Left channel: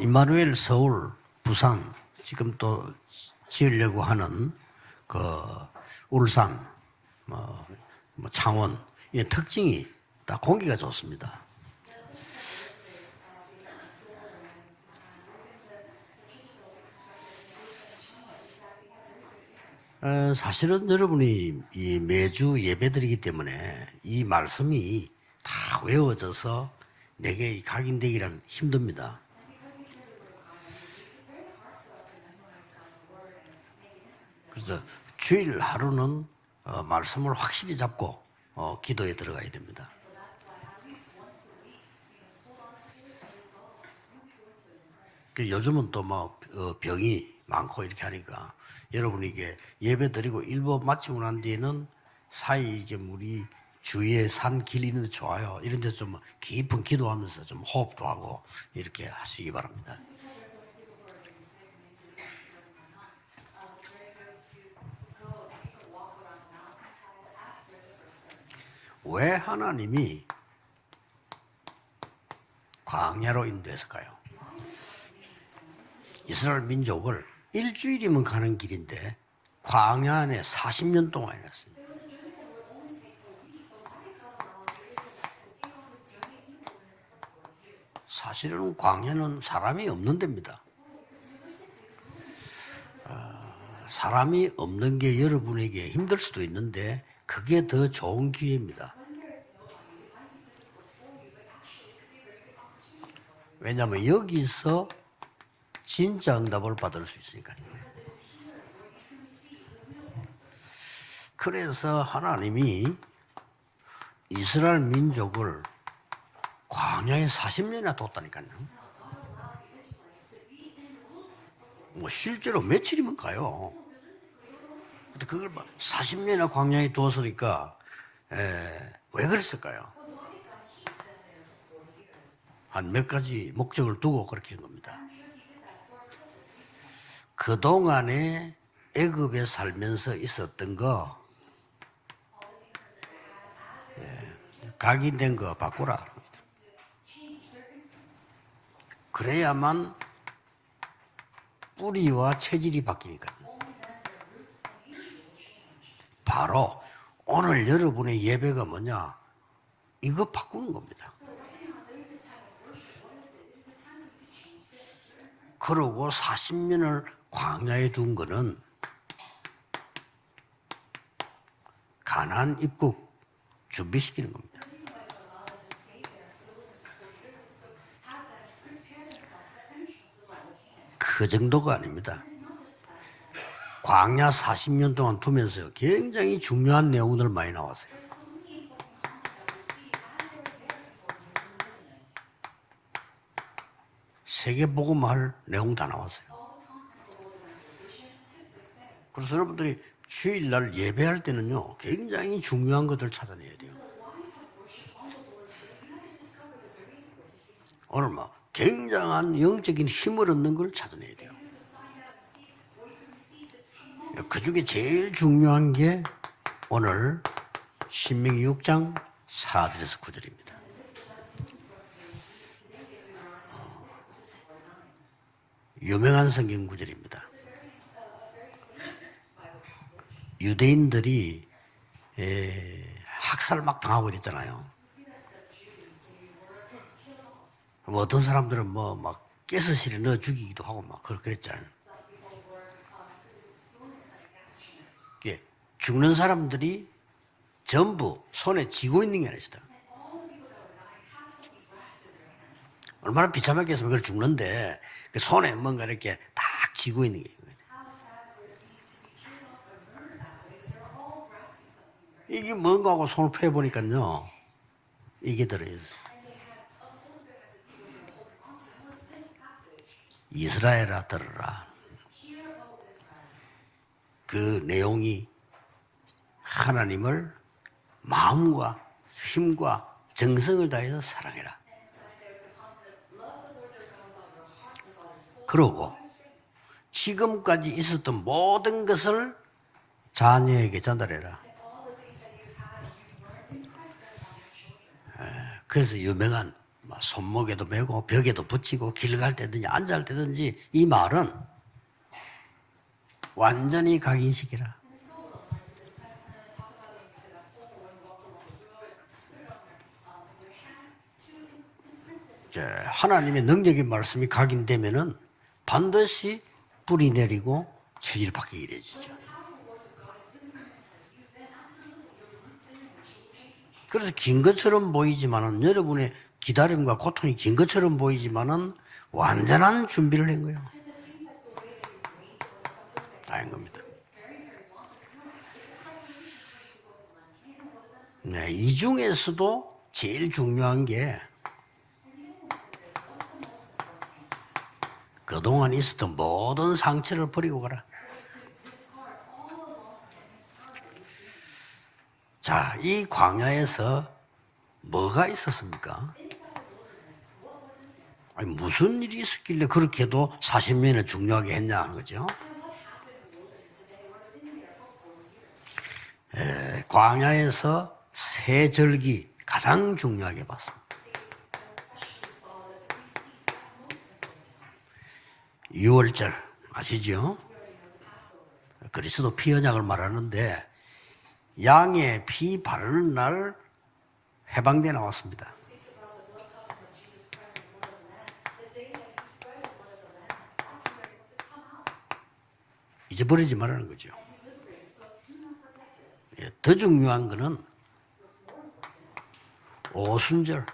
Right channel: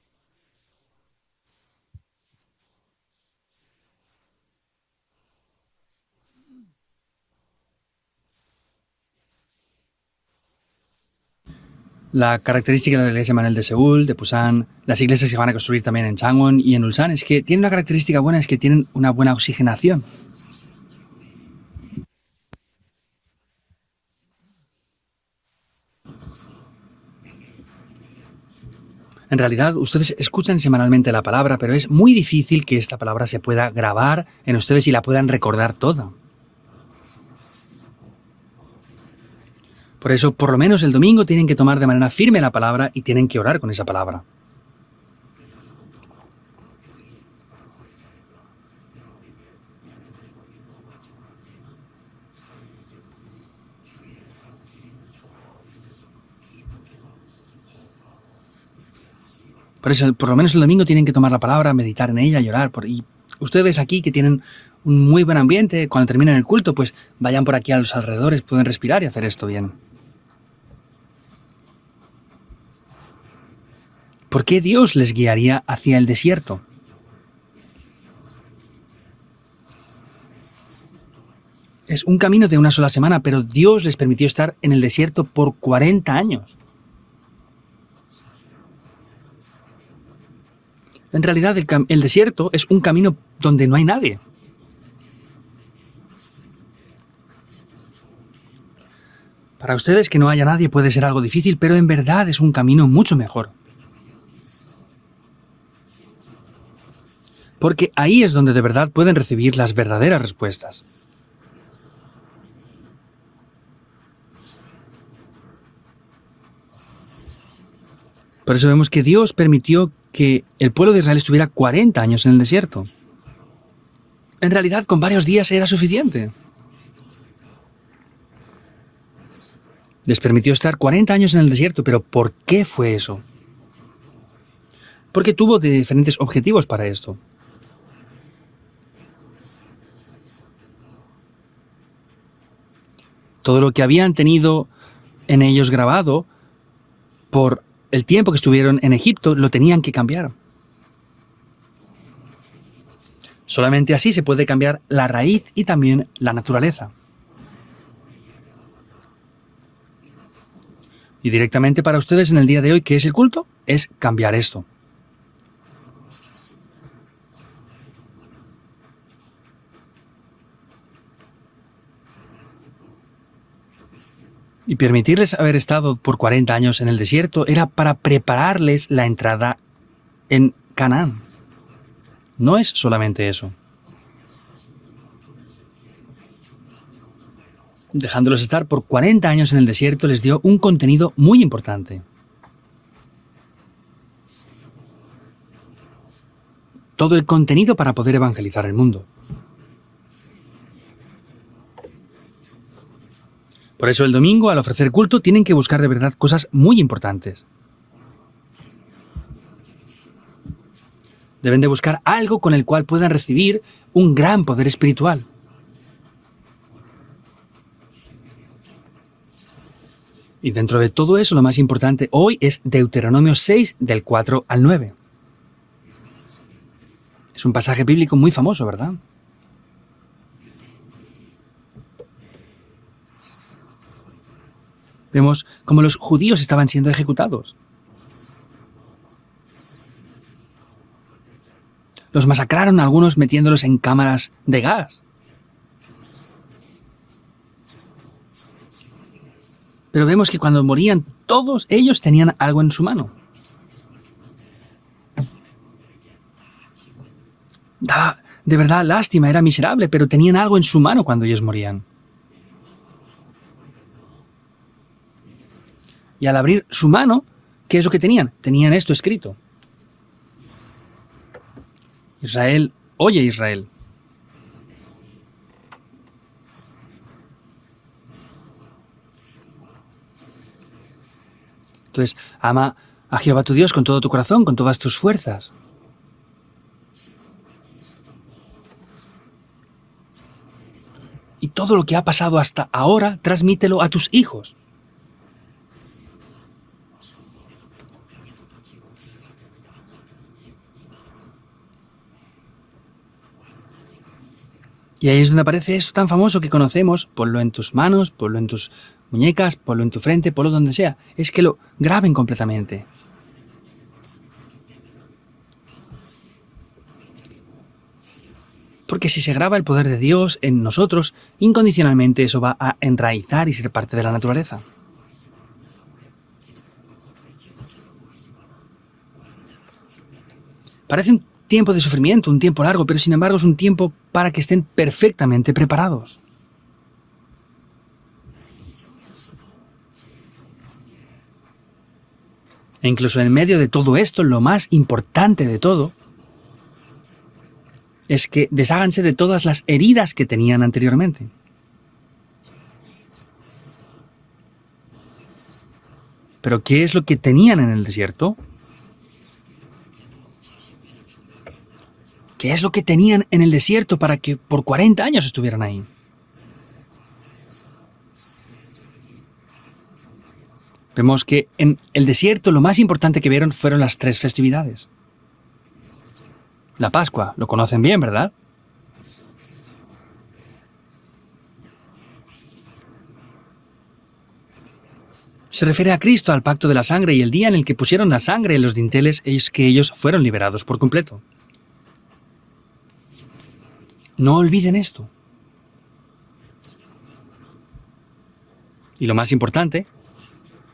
임마누엘 서울, 부산, 지금 또 지으려고 하는 그 울산, 창원 이 특징이 다 공기가 좋습니다. La característica de la iglesia Manuel de Seúl, de Pusan, las iglesias que van a construir también en Changwon y en Ulsan, es que tienen una característica buena, es que tienen una buena oxigenación. 사실은 여러분이 이 매주 예배드리기 때문에 이 말씀이 다 외워져서 내게 각인되기란 힘듭니다. En realidad, ustedes escuchan semanalmente la palabra, pero es muy difícil que esta palabra se pueda grabar en ustedes y la puedan recordar todo. 말씀을 확실히 잡고 기도에 들어가야 됩니다. Por eso, por lo menos el domingo tienen que tomar de manera firme la palabra y tienen que orar con esa palabra. 요즘은 또 병이 많고 이렇게 하니까 여러분이 이게 예배드리고 일부 마치고 난 뒤에는 사이 이제 우리 주위에 산 길 있는데 좋아요. 이런 데 좀 깊은 기도하면서 좀 호흡도 하고 이렇게 하시기 바랍니다. Por eso, por lo menos el domingo tienen que tomar la palabra, meditar en ella y orar. Y ustedes aquí que tienen un muy buen ambiente, cuando terminen el culto, pues vayan por aquí a los alrededores, pueden respirar y hacer 왜 esto bien. 하나님이 광야로 인도했을까요? ¿Por qué Dios les guiaría hacia el desierto? 이스라엘 민족을 일주일이면 가는 길인데 광야 안에 40년 동안 했어요. Es un camino de una sola semana, pero Dios les permitió estar en el desierto por 40 años. 사실은 광야는 사람이 없는 데입니다. En realidad, el desierto es un camino donde no hay nadie. 사람이 없는 게 여러분에게 힘들 수도 있는데 그게 더 좋은 기회입니다. Para ustedes que no haya nadie puede ser algo difícil, pero en verdad es un camino mucho mejor. 왜냐하면 여기서 진짜 응답을 받을 수 있으니까. Porque ahí es donde de verdad pueden recibir las verdaderas respuestas. 그래서 하나님이 이스라엘 민족을 광야에 40년이나 뒀다니까요. Por eso vemos que Dios permitió que el pueblo de Israel estuviera 40 años en el desierto. 며칠이면 가요. En realidad, con varios días era suficiente. 40년이나 광야에 두었으니까 왜 그랬을까요? Les permitió estar 40 años en el desierto, pero ¿por qué fue 몇 eso? 가지 목적을 두고 그렇게 한 겁니다. Porque tuvo diferentes objetivos para esto. 그동안에 애굽에 살면서 있었던 거 Todo lo que habían tenido 각인된 en 거 ellos grabado por el tiempo que estuvieron en Egipto lo tenían que cambiar. 뿌리와 체질이 바뀌니까. Solamente así se puede cambiar la raíz y también la naturaleza. 오늘 여러분의 예배가 뭐냐? 이거 바꾸는 겁니다. Y directamente para ustedes en el día de hoy, ¿qué es el culto? Es cambiar esto. 그러고 40년을 광야에 둔 거는 가나안 입국 준비시키는 겁니다. Y permitirles haber estado por 40 años en el desierto era para prepararles la entrada en Canaán. 그 정도가 아닙니다. No es solamente eso. 광야 40년 동안 두면서 굉장히 중요한 내용들 많이 나왔어요. Dejándolos estar por 40 años en el desierto les dio un contenido muy importante. 세계 복음할 내용 다 나왔어요. Todo el contenido para poder evangelizar el mundo. 그래서 여러분들이 주일날 예배할 때는요, 굉장히 중요한 것들 찾아내야 돼요. Por eso el domingo, al ofrecer culto, tienen que buscar de verdad cosas muy importantes. 오늘 굉장한 영적인 힘을 얻는 걸 찾아내야 돼요. Deben de buscar algo con el cual puedan recibir un gran poder 제일 espiritual. 중요한 게 오늘 신명기 6장 4절에서 9절입니다. Y dentro de todo eso, lo más importante hoy es Deuteronomio 6, del 4 al 9. 유명한 성경 구절입니다. Es un pasaje bíblico muy famoso, ¿verdad? 유대인들이 학살 막 당하고 그랬잖아요. Vemos como los judíos estaban siendo ejecutados. 어떤 사람들은 막 가스실에 넣어 죽이기도 하고 막 그랬잖아요. Los masacraron a algunos metiéndolos en cámaras de gas. 죽는 사람들이 전부 손에 쥐고 있는 게 아니었어요. Pero vemos que cuando morían, todos ellos tenían algo en su mano. 얼마나 비참하게 했으면 그걸 죽는데 그 손에 뭔가 이렇게 딱 쥐고 있는 게. Daba de verdad lástima, era miserable, pero tenían algo en su mano cuando ellos morían. 이게 뭔가 하고 손을 펴보니까요. 이게 들어있어요. Y al abrir su mano, ¿qué es lo que tenían? Tenían esto escrito. 이스라엘아 들으라. Israel, oye Israel. 그 내용이 하나님을 마음과 힘과 정성을 다해서 사랑해라. Entonces, ama a Jehová tu Dios con todo tu corazón, con todas tus fuerzas. 그러고 지금까지 있었던 모든 것을 자녀에게 전달해라. Y todo lo que ha pasado hasta ahora, transmítelo a tus hijos. 그래서 유명한 손목에도 메고 벽에도 붙이고 길 갈 때든지 앉을 때든지 이 말은 완전히 각인식이라. Y ahí es donde aparece esto tan famoso que conocemos, ponlo en tus manos, ponlo en tus muñecas, ponlo en tu frente, ponlo donde sea. Es que lo graben completamente. 하나님의 능력의 말씀이 각인되면은 반드시 뿌리 내리고 체질 바뀌게 되지. Porque si se graba el poder de Dios en nosotros, incondicionalmente eso va a enraizar y ser parte de la 긴 naturaleza. 것처럼 보이지만은 여러분의 기다림과 고통이 긴 것처럼 보이지만은 완전한 준비를 한 거예요. Parece un tiempo de sufrimiento, un tiempo largo, pero sin embargo es un tiempo para que estén perfectamente preparados. 네, 이 중에서도 제일 중요한 게 E incluso en medio de todo esto, lo más importante de 그동안 todo 있었던 모든 상처를 버리고 가라. es que desháganse de todas las heridas que tenían anteriormente. 자, 이 광야에서 뭐가 있었습니까? Pero ¿qué es lo que tenían en el desierto? 아니, 무슨 일이 있었길래 그렇게도 40년을 중요하게 했냐 하는 거죠. ¿Qué es lo que tenían en el desierto para que por 40 años estuvieran ahí? 광야에서 세 절기 가장 중요하게 봤습니다. Vemos que en el desierto lo más importante que vieron fueron las tres festividades. 유월절, La Pascua, lo conocen bien, ¿verdad? 그리스도 피 언약을 말하는데 양의 피 바르는 날 해방돼 나왔습니다. Se refiere a Cristo, al pacto de la sangre, y el día en el que pusieron la sangre en los dinteles es que ellos fueron liberados por completo. 잊어버리지 말라는 거죠. No olviden esto. 더 중요한 거는 Y lo más importante, 오순절,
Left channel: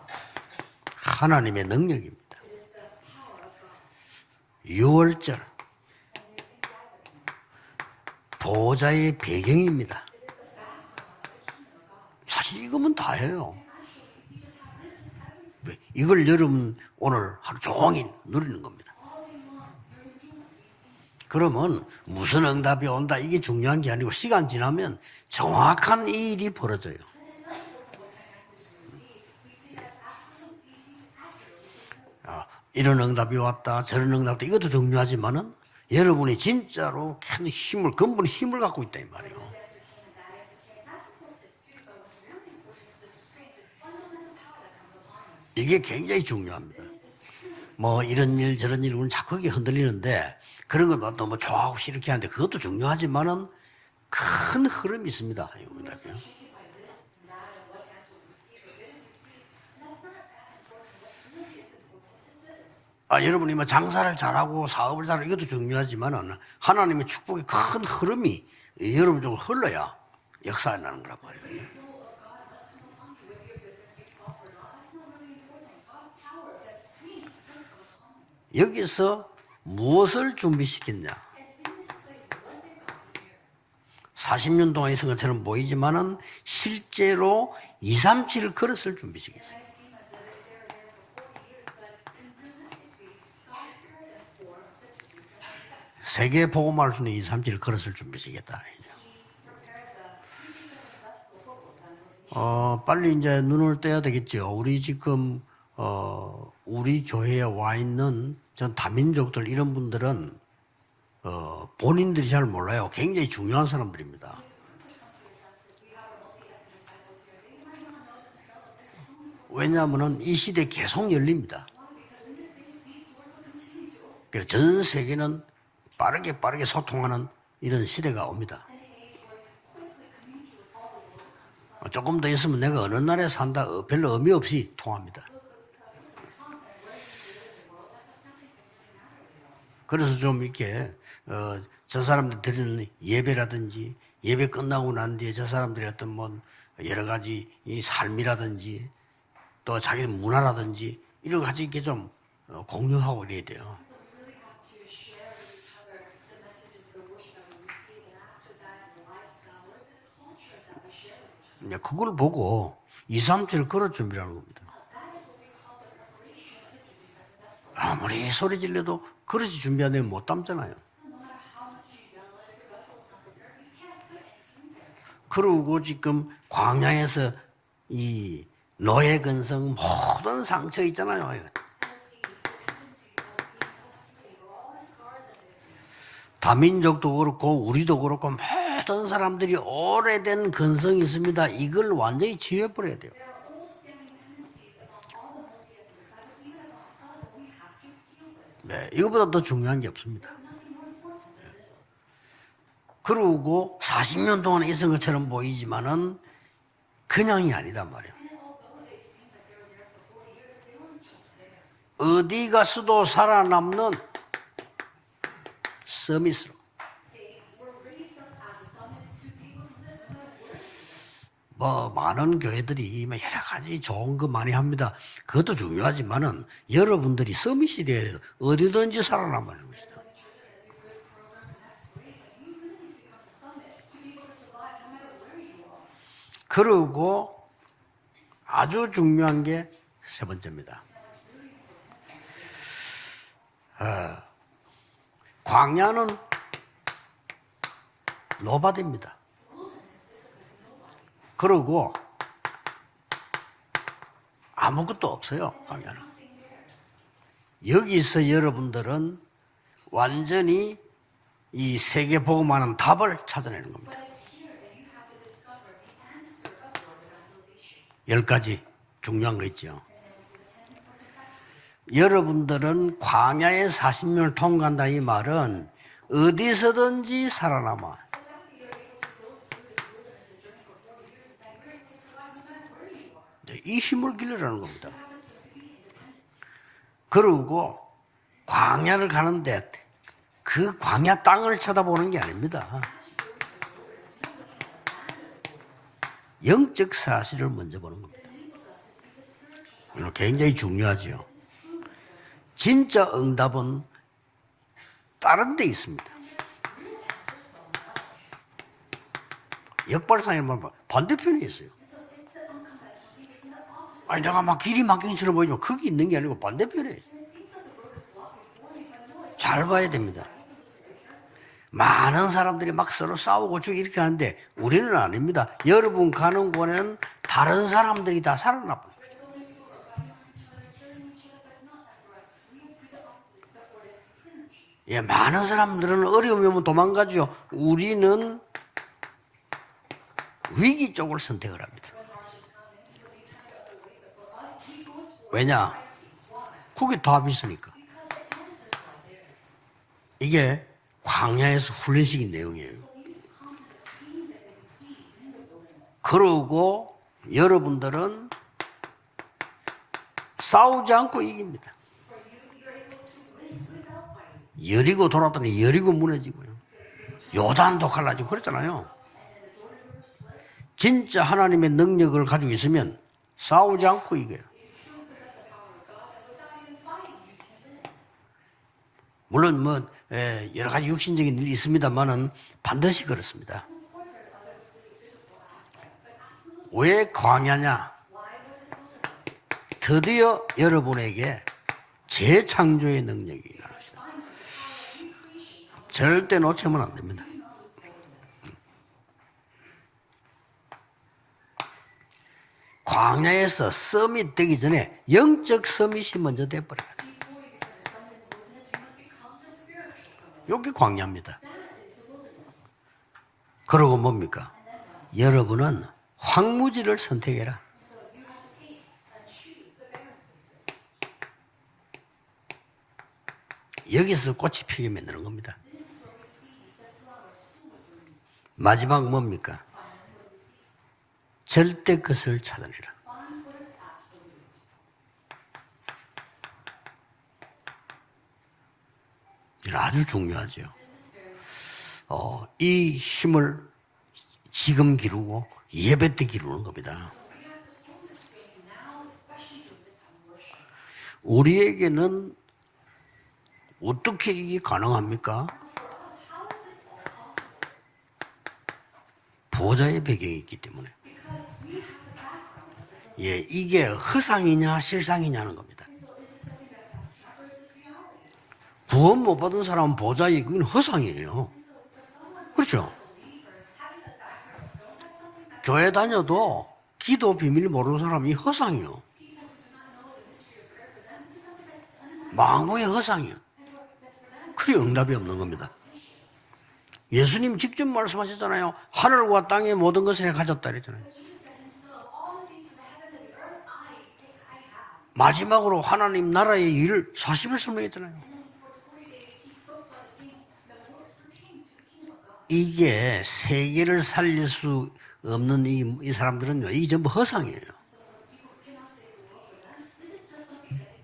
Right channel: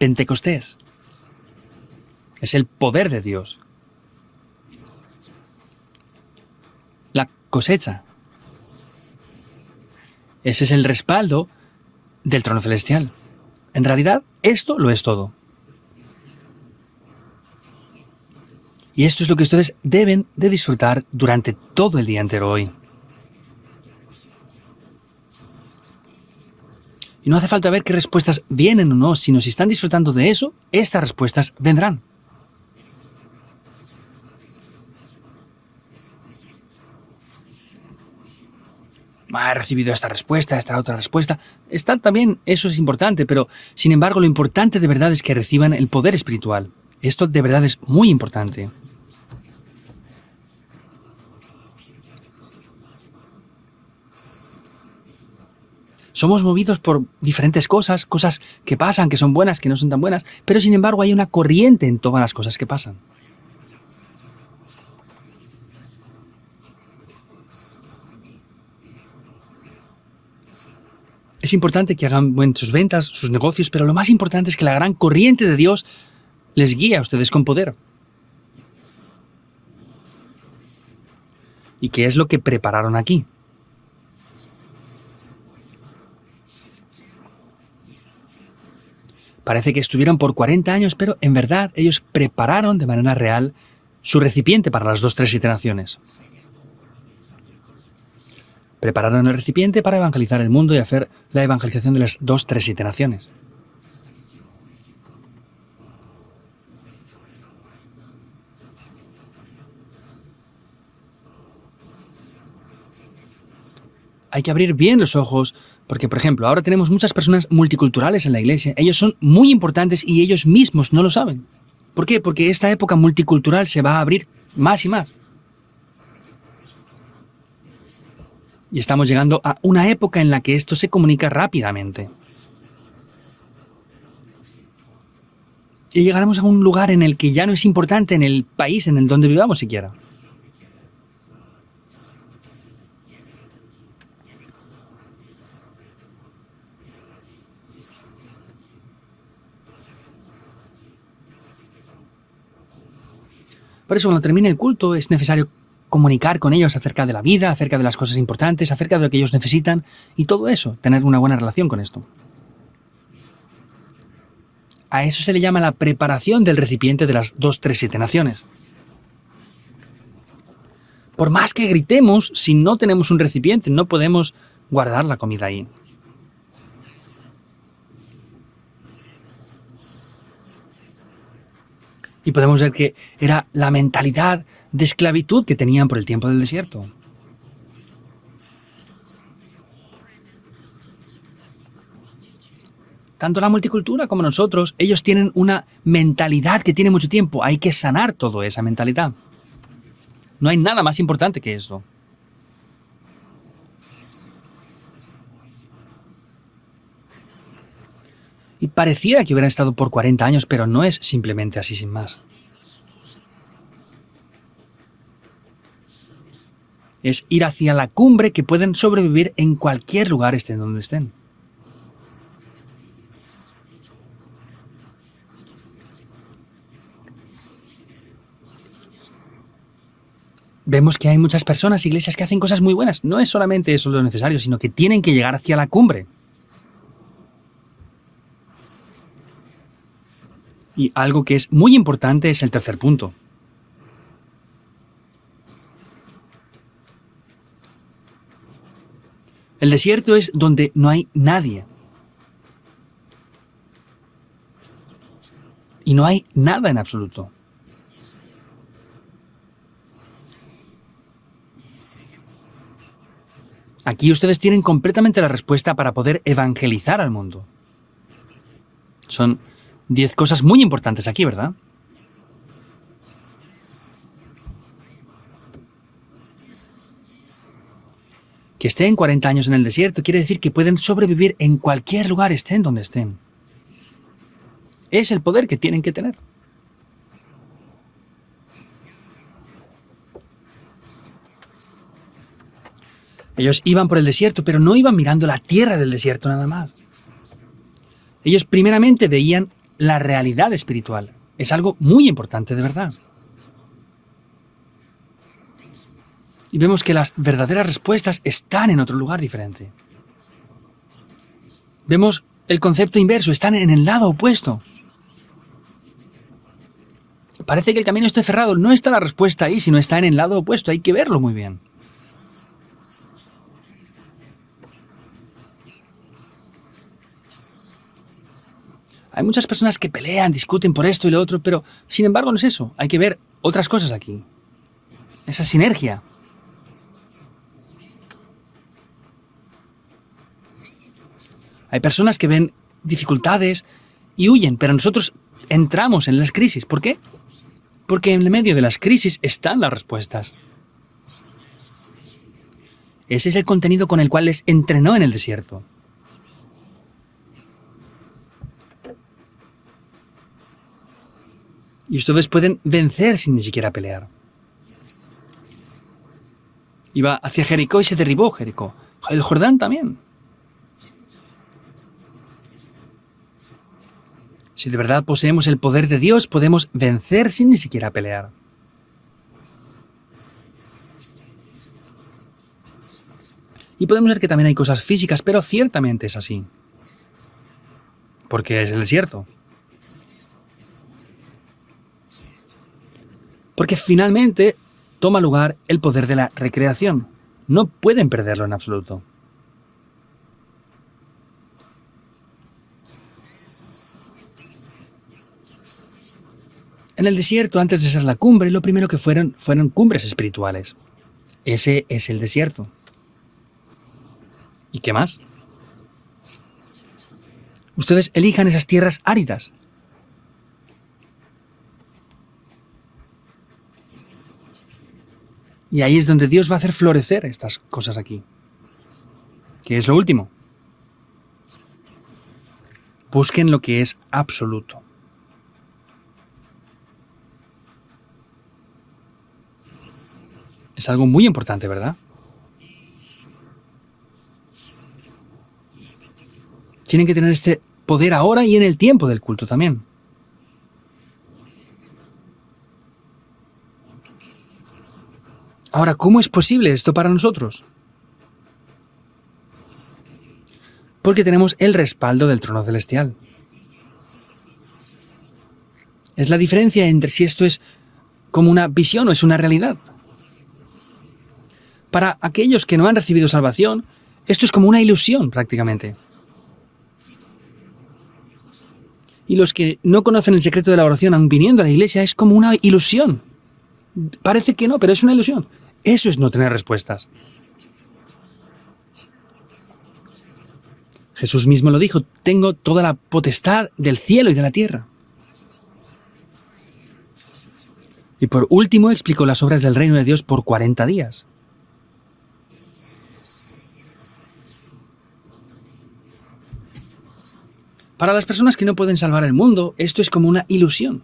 Pentecostés, 하나님의 능력입니다. es el poder de Dios. 유월절, La cosecha, 보호자의 배경입니다. ese es el respaldo del trono celestial. 다예요. En realidad, esto lo es todo. 이걸 여러분 오늘 하루 종일 누리는 겁니다. Y esto es lo que ustedes deben de disfrutar durante 그러면 todo el día entero 무슨 hoy. 응답이 온다 이게 중요한 게 아니고 시간 지나면 정확한 이 일이 벌어져요. Y no hace falta ver qué respuestas vienen o no, sino si están disfrutando de eso, estas respuestas vendrán. 이런 응답이 왔다 저런 응답이 이것도 중요하지만은 여러분이 진짜로 큰 힘을 근본 힘을 갖고 있다 이 말이에요. He recibido esta respuesta, esta otra respuesta. Está también, eso es importante, pero sin embargo lo importante de verdad es que reciban el poder espiritual. Esto de verdad es 뭐 muy 이런 일 importante. 저런 일 우리는 자꾸 이게 흔들리는데 그런 걸 너무 좋아하고 이렇게 하는데 그것도 중요하지만은 큰 흐름이 있습니다. Somos movidos por diferentes cosas, cosas que pasan, que son buenas, que no son tan buenas, pero sin embargo hay una corriente en todas las cosas que pasan. 여러분이 뭐 장사를 잘하고 사업을 잘하고 이것도 중요하지만은 하나님의 축복의 큰 흐름이 여러분 쪽으로 흘러야 역사가 나는 거란 말이에요. Es importante que hagan sus ventas, sus negocios, pero lo más importante es que la gran corriente de Dios les guíe a ustedes con poder. 여기서 무엇을 준비시켰냐? ¿Y qué es lo que prepararon aquí? 40년 동안 있은 것처럼 보이지만은 실제로 2, 3, 7 그릇을 준비시켰어요. Parece que estuvieron por 40 años, pero en verdad ellos prepararon de manera real su recipiente para las 2-3 iteraciones. 세계 복음할 수 있는 2, 3, 7 그릇을 준비시켰다. Prepararon el recipiente para evangelizar el mundo y hacer la evangelización de las 2-3 빨리 iteraciones. 이제 눈을 떼야 되겠죠. 우리 지금 우리 교회에 와 있는 전 다민족들 이런 분들은 본인들이 잘 몰라요. 굉장히 중요한 사람들입니다. Hay que abrir bien los ojos, porque por ejemplo, ahora tenemos muchas personas multiculturales en la iglesia. Ellos son muy importantes y ellos mismos no lo saben. ¿Por qué? Porque esta época multicultural se va a abrir 전 más y más. 세계는 빠르게 소통하는 이런 시대가 옵니다. Y estamos llegando a una época en la que esto se comunica rápidamente. 조금 더 있으면 내가 어느 나라에 산다 별로 의미 없이 통합니다. Y llegaremos a un lugar en el que ya no es importante en el país en el donde vivamos siquiera. 그래서 좀 이렇게 저 사람들 드리는 예배라든지 예배 끝나고 난 뒤에 저 사람들이 어떤 뭐 여러 가지 이 삶이라든지 또 자기 문화라든지 이런 거 같이 이렇게 좀 공유하고 이래야 돼요. Por eso cuando termine el culto es necesario comunicar con ellos acerca de la vida, acerca de las cosas importantes, acerca de lo que ellos necesitan y todo eso, tener una buena relación con esto. 그걸 보고 2, 3, 7 그릇 준비라는 겁니다. A eso se le llama la preparación del recipiente de las 2-3 아무리 iteraciones. 소리 질러도 그릇이 준비 안 되면 못 담잖아요. Por más que gritemos, si no tenemos un recipiente, no podemos guardar la comida ahí. 그리고 지금 광야에서 이 노예 근성 모든 상처 있잖아요. Y podemos ver que era la mentalidad de esclavitud que tenían por el tiempo del desierto. 다민족도 그렇고 우리도 그렇고 모든 사람들이 오래된 근성이 있습니다. 이걸 완전히 지워버려야 돼요. Tanto la multicultura como nosotros, ellos tienen una mentalidad que tiene mucho tiempo. Hay que sanar toda esa mentalidad. 이거보다 더 중요한 게 없습니다. No hay nada más importante que eso. 그러고 40년 동안 있은 것처럼 보이지만은 그냥이 아니단 말이에요. Y pareciera que hubieran estado por 40 años, pero no es simplemente así sin más. 어디 가서도 살아남는 서밋으로. Es ir hacia la cumbre que pueden sobrevivir en cualquier lugar estén donde estén. 뭐 많은 교회들이 여러 가지 좋은 거 많이 합니다. 그것도 중요하지만은 여러분들이 서밋이 돼야 돼요. 어디든지 살아남는 것이다. Vemos que hay muchas personas, iglesias que hacen cosas muy buenas. No es solamente eso lo necesario, sino que tienen que llegar hacia la cumbre. 그리고 아주 중요한 게 세 번째입니다. Y algo que es muy importante es el tercer punto. 광야는 노바디입니다. El desierto es donde no hay nadie. 그리고 아무것도 없어요. Y no hay nada en absoluto. 여기서 여러분들은 완전히 이 세계 복음하는 답을 찾아내는 겁니다. Aquí ustedes tienen completamente la respuesta para poder evangelizar al mundo. 10가지 중요한 Son 거 있죠. 10 cosas muy importantes aquí, ¿verdad? 여러분들은 광야의 40년을 통과한다 이 말은 어디서든지 살아남아. Que estén 40 años en el desierto quiere decir que pueden sobrevivir en cualquier lugar, estén donde estén. 이 힘을 기르라는 겁니다. Es el poder que tienen que tener. 그리고 광야를 가는데 그 광야 땅을 쳐다보는 게 아닙니다. Ellos iban por el desierto, pero no iban mirando la tierra del desierto nada más. 영적 사실을 먼저 보는 겁니다. Ellos primeramente veían la realidad 굉장히 espiritual. 중요하죠. Es algo muy importante, de verdad. 진짜 응답은 다른 데 있습니다. Y vemos que las verdaderas respuestas están en otro lugar diferente. 역발상에 보면 반대편에 있어요. Vemos el concepto inverso, están en el lado 아니, opuesto. 아마 길이 막힌 것처럼 보이지만 거기 있는 게 아니고 반대편에 있어요. Parece que el camino esté cerrado. No está la respuesta ahí, sino está en el lado opuesto. Hay que verlo muy bien. 많은 사람들이 막 서로 싸우고 죽이고 이렇게 하는데 우리는 아닙니다. 여러분 가는 곳에는 다른 사람들이 다 살아납니다. Hay muchas personas que pelean, discuten por esto y lo otro, pero sin embargo no es eso. Hay que ver otras cosas aquí. 예, 많은 esa sinergia. 사람들은 어려움이 오면 도망가죠. 우리는 위기 쪽을 선택을 합니다. Hay personas que ven dificultades y huyen, pero nosotros 왜냐? entramos en las crisis. ¿Por 그게 qué? 답이 있으니까. Porque en el medio de las crisis están las respuestas. 이게 광야에서 훈련식인 내용이에요. Ese es el contenido con el cual les entrenó en el desierto. 그러고 여러분들은 싸우지 않고 이깁니다. Y ustedes pueden vencer sin ni siquiera pelear. 여리고 돌았더니 여리고 무너지고요. Iba hacia Jordán Jericó y se bajará, derribó 그랬잖아요. Jericó. El Jordán también. 진짜 하나님의 능력을 가지고 있으면 싸우지 않고 이겨요. Si de verdad poseemos el poder de Dios, podemos vencer sin ni siquiera pelear. 물론 뭐 여러 가지 육신적인 일이 있습니다만은 반드시 그렇습니다. Y podemos ver que también hay cosas físicas, pero ciertamente es así. 왜 광야냐? Porque es el desierto. 드디어 여러분에게 재창조의 능력이. Porque finalmente toma lugar el poder de la 절대 놓치면 안 recreación. 됩니다. No pueden perderlo en absoluto. 광야에서 서밋 되기 전에 영적 서밋이 먼저 돼버려요. En el desierto, antes de ser la cumbre, lo primero que fueron cumbres espirituales. 여기 광야입니다. Ese es el desierto. 그러고 뭡니까? ¿Y qué más? 여러분은 황무지를 선택해라. Ustedes elijan esas tierras áridas. 여기서 꽃이 피게 만드는 겁니다. Y ahí es donde Dios va a hacer florecer estas cosas aquí. 마지막 뭡니까? ¿Qué es lo último? 절대 것을 찾아내라. Busquen lo que es absoluto. 이건 아주 중요하죠. Es algo muy importante, ¿verdad? 이 힘을 지금 기르고 예배 때 기르는 겁니다. Tienen que tener este poder ahora y en el tiempo del culto también. 우리에게는 어떻게 이게 가능합니까? Ahora, ¿cómo es posible esto para nosotros? 보좌의 배경이 있기 때문에. Porque tenemos el respaldo del trono celestial. 예, 이게 허상이냐 실상이냐는 겁니다. Es la diferencia entre si esto es como una visión o es una 모든 realidad. 사람은 보좌에 그건 허상이에요. Para aquellos que no han recibido salvación, esto es como una ilusión 교회 prácticamente. 다녀도 기도 비밀 모르는 사람이 허상이요. Y los que no conocen el secreto de la oración, aun viniendo a la iglesia, es como una 왕의 ilusión. 허상이요. Parece que no, pero es una ilusión. Eso es no tener respuestas. 예수님 직접 말씀하셨잖아요. 하늘과 땅의 모든 것을 내가 가졌다 그랬잖아요. Jesús mismo lo dijo, tengo toda la potestad del cielo y de la tierra. 마지막으로 하나님 나라의 일 40일 설명했잖아요. Y por último explicó las obras del reino de Dios por 40 días. 이게 세계를 살릴 수 없는 이 사람들은요, 이게 전부 허상이에요. Para las personas que no pueden salvar el mundo, esto es como una ilusión.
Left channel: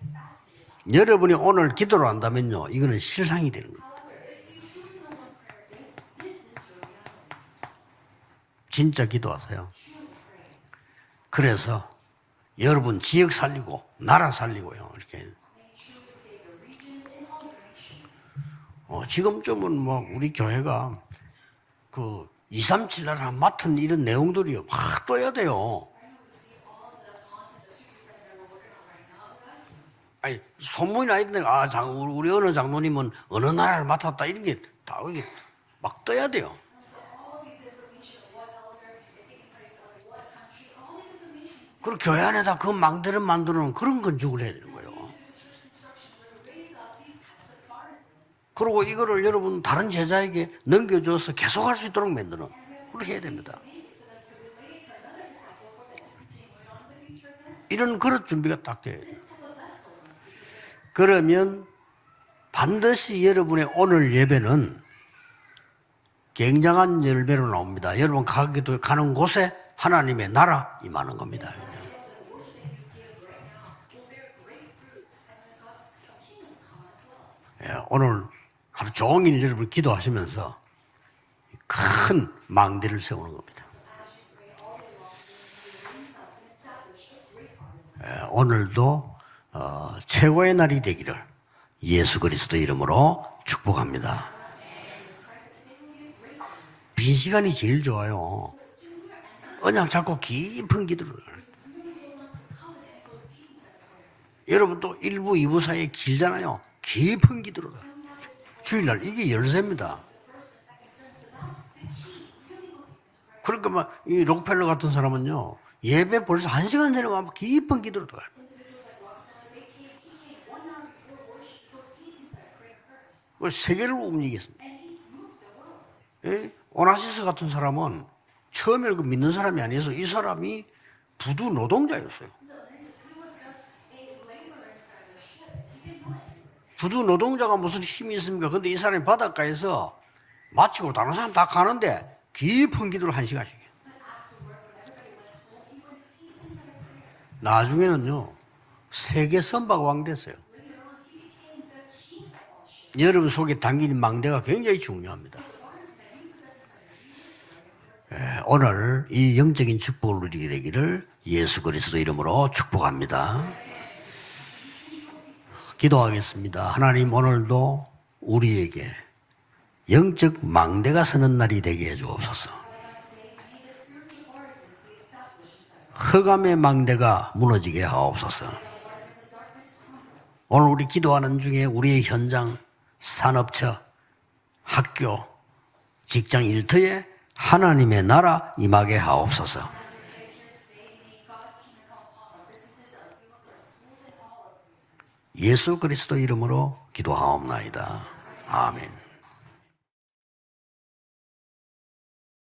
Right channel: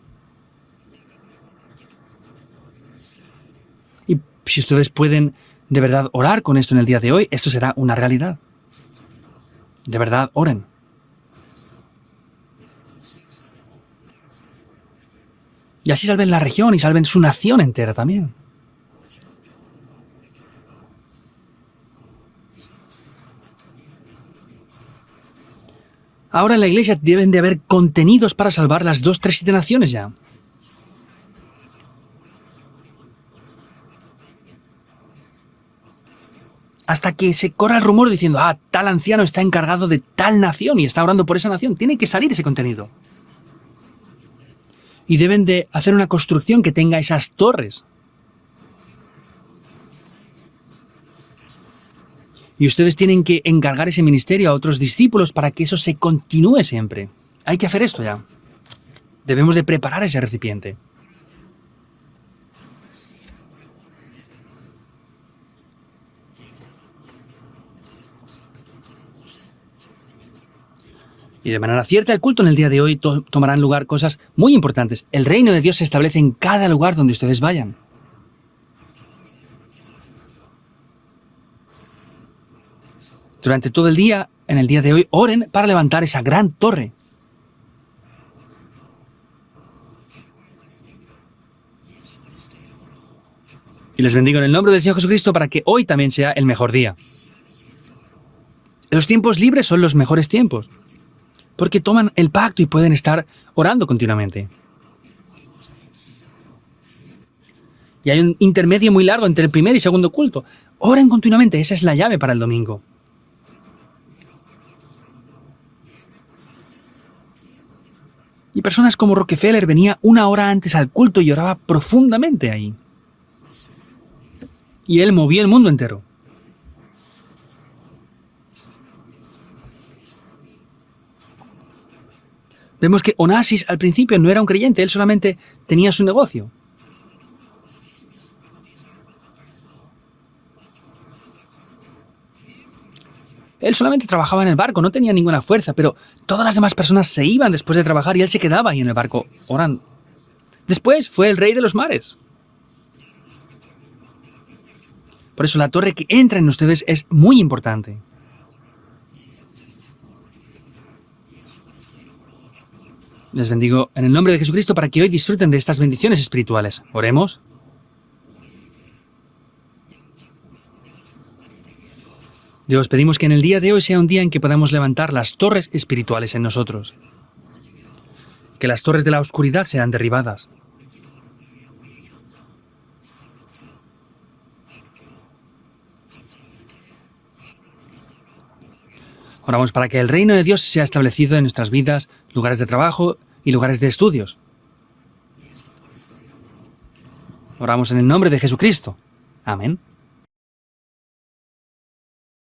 여러분이 오늘 기도를 한다면요, 이거는 실상이 되는 거예요. Y si ustedes pueden de verdad orar con esto en el día de hoy, esto será una realidad. 진짜 기도하세요. De verdad, oren. 그래서 여러분 지역 살리고 나라 살리고요. 이렇게 Y así salven la región y salven su nación entera también. 지금쯤은 뭐 우리 교회가 그 237나라 맡은 이런 내용들이요, 막 떠야 돼요. Ahora en la iglesia deben de haber contenidos para salvar las 2, 3, 7 naciones ya. 아니, 소문이 나 있는데 우리 어느 장로님은 어느 나라를 맡았다 이런 게 다 막 떠야 돼요. Hasta que se corra el rumor diciendo, tal anciano está encargado de tal nación y está orando por esa nación. Tiene que salir ese 그 contenido. 망대를 만드는 그런 건축을 해야 되는 거예요. Y deben de hacer una construcción que tenga esas torres. 그리고 이거를 여러분 다른 제자에게 넘겨줘서 계속할 수 있도록 만드는. Y ustedes tienen que encargar ese ministerio a otros discípulos para que eso se continúe siempre. Hay que hacer esto. 그런 준비가 딱 돼요. Debemos de preparar ese recipiente. 그러면 반드시 여러분의 오늘 예배는 굉장한 열매로 나옵니다. 여러분 가는 곳에 하나님의 나라 임하는 겁니다. Y de manera cierta, el culto en el día de hoy tomarán lugar cosas muy importantes. El reino de Dios se establece en cada lugar donde ustedes vayan. 오늘 하루 종일 여러분 기도하시면서 큰 망대를 세우는 겁니다. Durante todo el día, en el día de hoy, oren para levantar esa gran torre. 오늘도 최고의 날이 되기를 예수 그리스도 이름으로 Y 축복합니다. les bendigo en el nombre del Señor Jesucristo para que hoy también sea el mejor día. 빈 시간이 제일 좋아요. Los tiempos libres son los 자꾸 mejores tiempos, 깊은 기도를. porque toman el pacto y pueden estar orando continuamente. 여러분 또 1부, 2부 사이에 길잖아요. 깊은 기도를. Y hay un intermedio muy largo entre el primer y segundo culto. Oren continuamente, esa es la llave para el domingo. 그러니까 이 록펠러 같은 사람은요, 예배 벌써 1시간 전에 와서 깊은 기도를 들어가요. Y personas como Rockefeller venía 1 hora antes al culto y oraba profundamente ahí. 세계를 움직였습니다. Y él movía el mundo entero. 오나시스 같은 사람은 처음에 그 믿는 사람이 아니어서 이 사람이 부두 노동자였어요. Vemos que Onassis al principio no era un creyente, él solamente tenía su negocio. 부두 노동자가 무슨 힘이 있습니까? 근데 이 사람이 바닷가에서 마치고 다른 사람 다 가는데 깊은 기도를 1시간씩. Él solamente trabajaba en el barco, no tenía ninguna fuerza, pero todas las demás personas se iban después de trabajar y él se quedaba ahí en el barco 세계 orando. 선박왕 됐어요. Después fue el rey de los mares. 여러분 속에 담긴 망대가 굉장히 중요합니다. Por eso la torre que entra en ustedes es muy importante. 오늘 이 영적인 축복을 누리게 되기를 예수 그리스도 이름으로 축복합니다. Les bendigo en el nombre de Jesucristo para que hoy disfruten de estas bendiciones espirituales. 하나님 Oremos. 오늘도 우리에게 영적 망대가 서는 날이 되게 해주옵소서. Dios, pedimos que en el día de hoy sea un día en que podamos levantar las torres espirituales en 흑암의 nosotros. 망대가 무너지게 하옵소서. Que las torres de la oscuridad sean derribadas. 오늘 우리 기도하는 중에 우리의 현장, 산업처, 학교, 직장 일터에 하나님의 나라 임하게 하옵소서. Oramos para que el reino de Dios sea establecido en nuestras vidas, lugares de trabajo y lugares de estudios. 예수 그리스도 이름으로 기도하옵나이다. Oramos en el nombre de Jesucristo. Amén.